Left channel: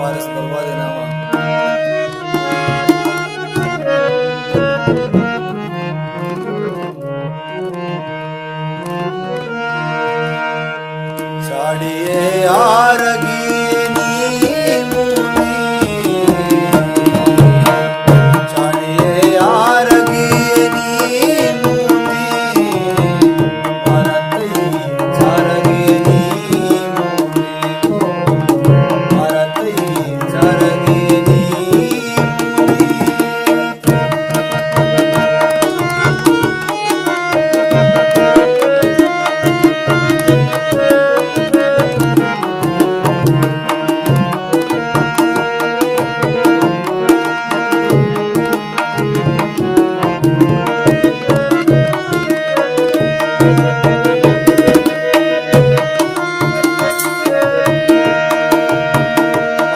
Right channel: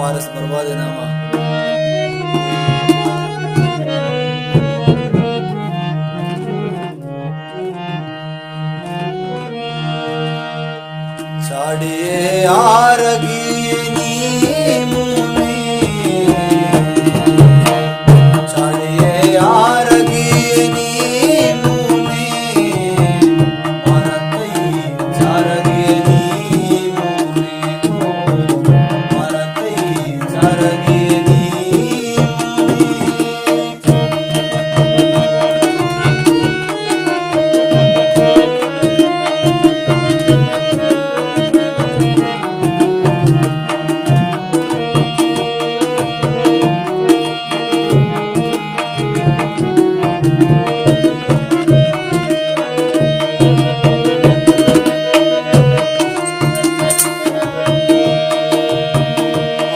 पारस बर्बाद है नामा छाड़िए आरगी मुने छाड़िए आरगी मुने मारतई चारगी मुने मारतई चारगी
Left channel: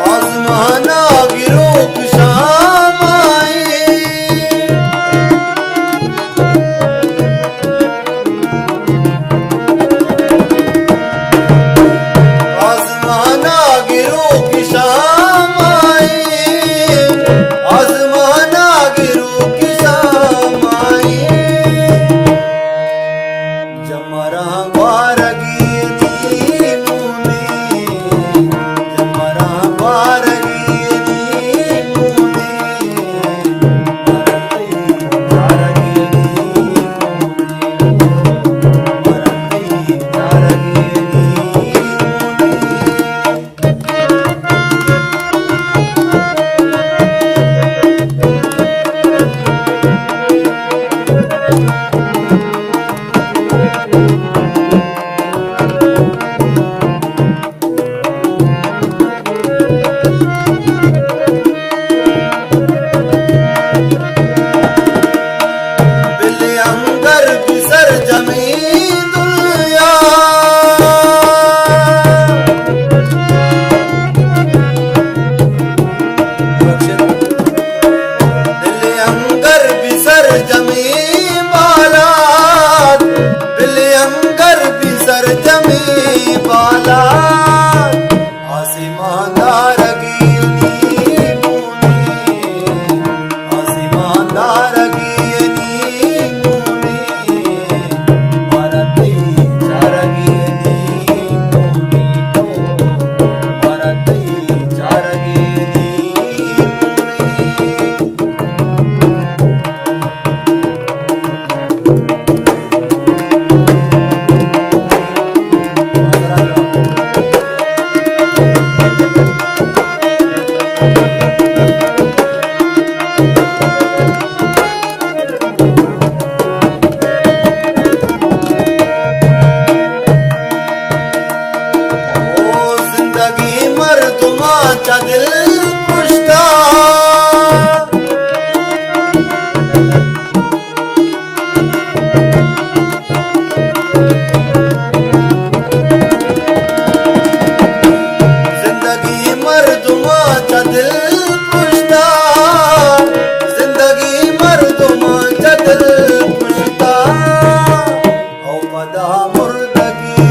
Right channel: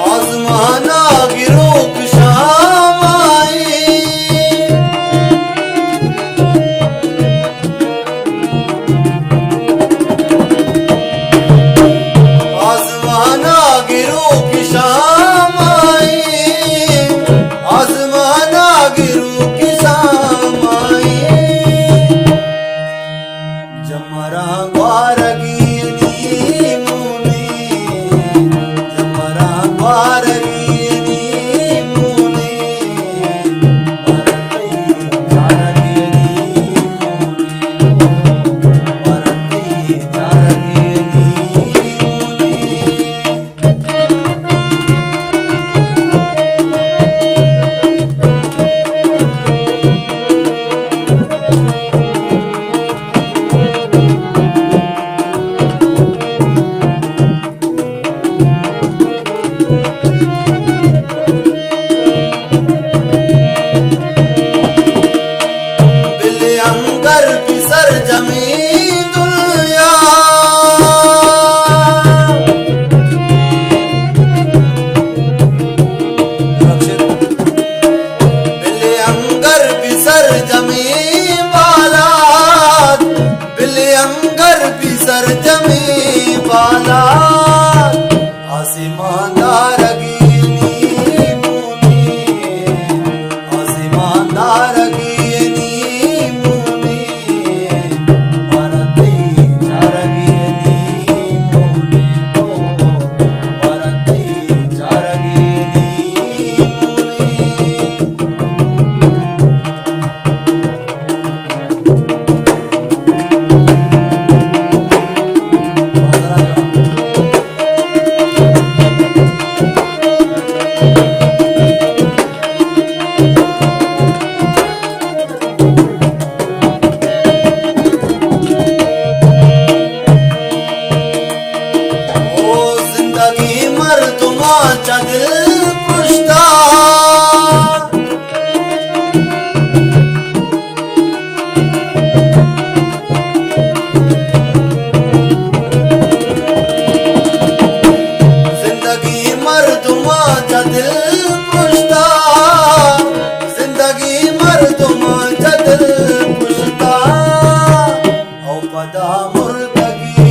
आजमाना गिरो शाम आई आजमाना गिरो की शाम आई आजमाना गिरो की शाम आई जमरा ग्वारगी अंगर बिसर जमीन दुनिया बिल्ले अंगर बिसर जमीन बालात बिल्ले अंगर बिसर जमीन बालात आसमानदार आसमानदार मर्दुमा दिल पुश्ता जिंदगी मर्दुमा दिल पुश्ता जिंदगी मर्दुमा दिल पुश्ता औ पदा मुर्दगी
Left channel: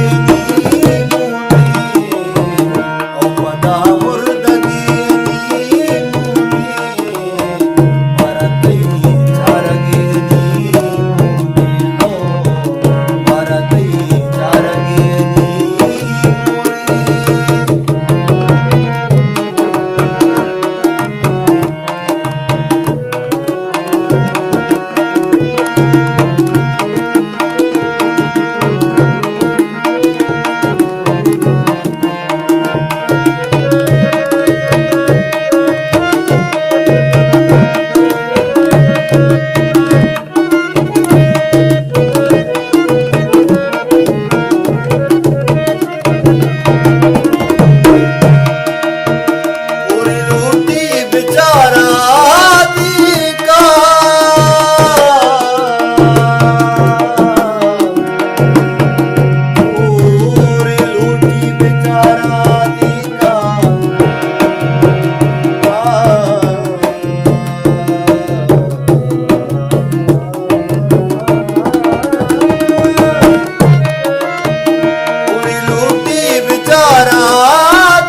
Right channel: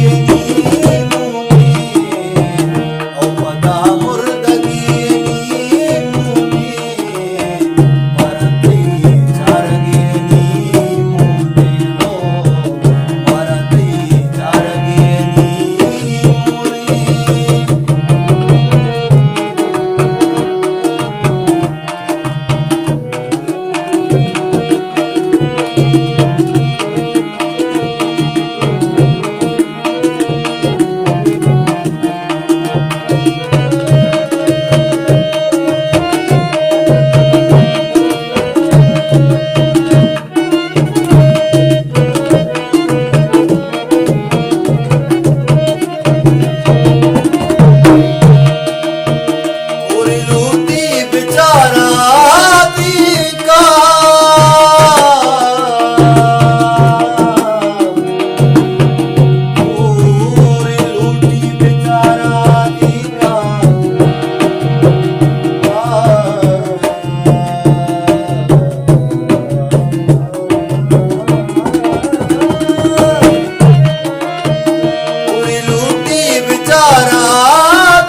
बेचारा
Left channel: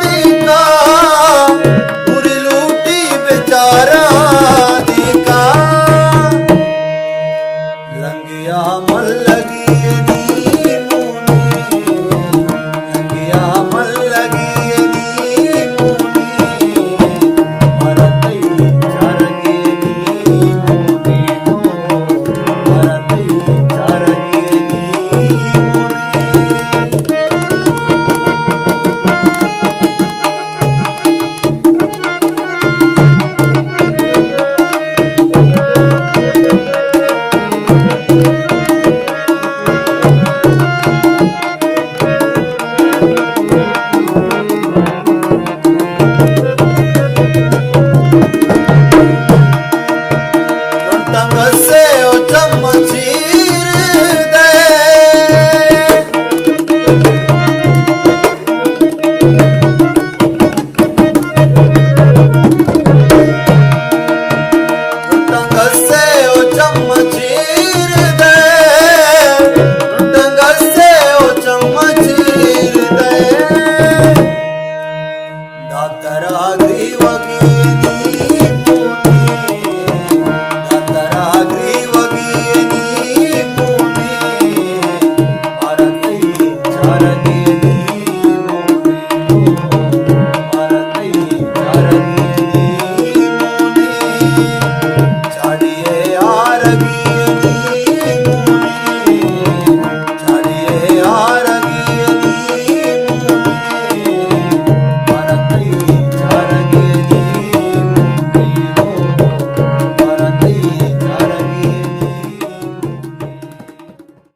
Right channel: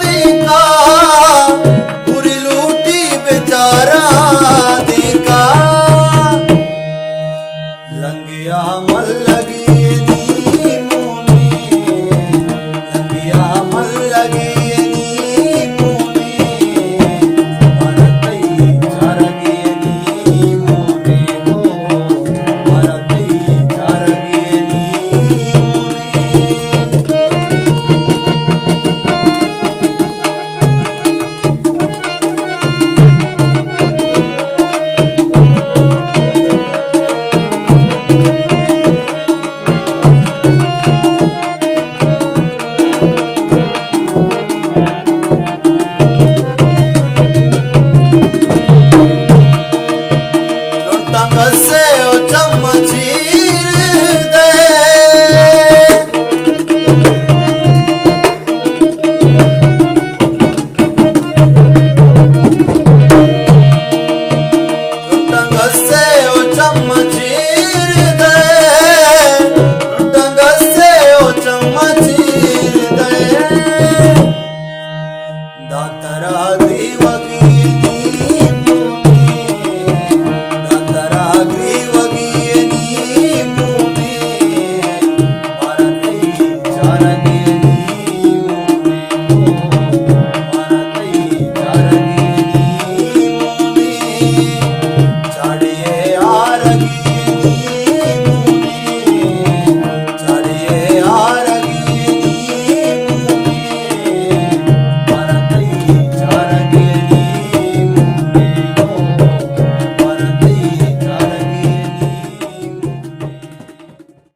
दिखा દ્વિવગીની મુને દાતરા દ્વિવગીની મુને મારા તઈ ચારગીની મુને મારા તઈ ચારગીની મુને ચાડીએ આરગી